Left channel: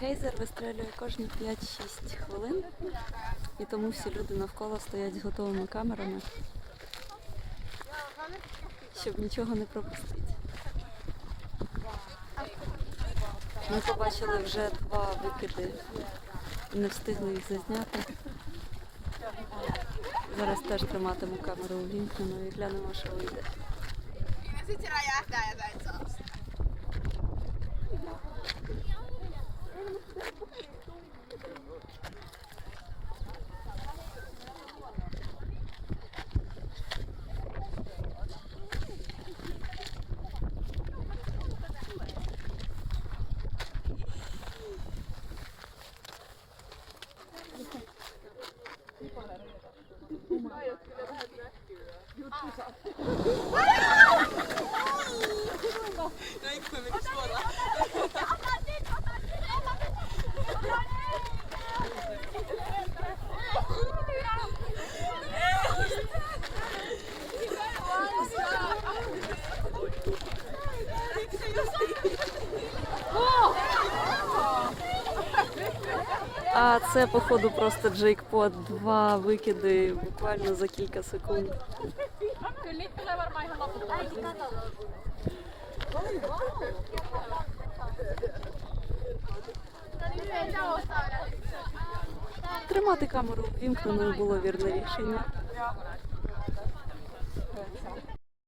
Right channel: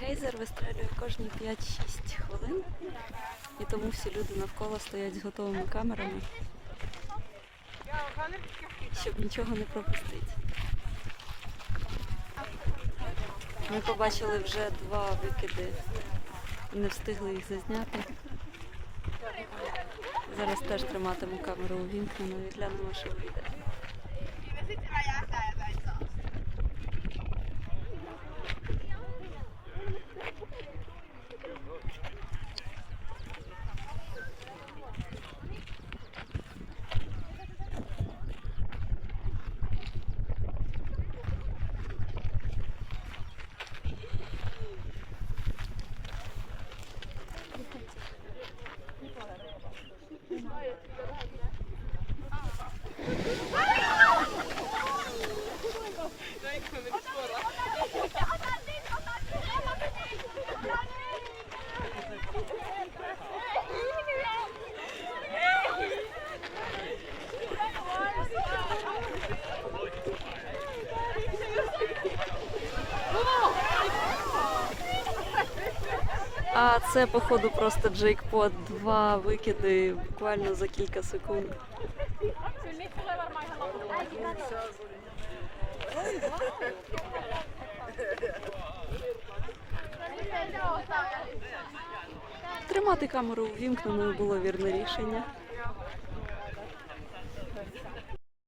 гейзер вистрелює кожні 5-6 хвилин, і тому всі люди навколо стоять з готовими камерами, щоб нічого не пропустити. Ми побачили вже два викиди, не встигли їх зазняти. Зараз теж триматиму камеру увімкненою і глянемо, що вийде. 我们也 А це, походу, просто джейкпот. Два викиди буквально за кілька секунд. Тримати камеру ввімкненою було вірне рішення.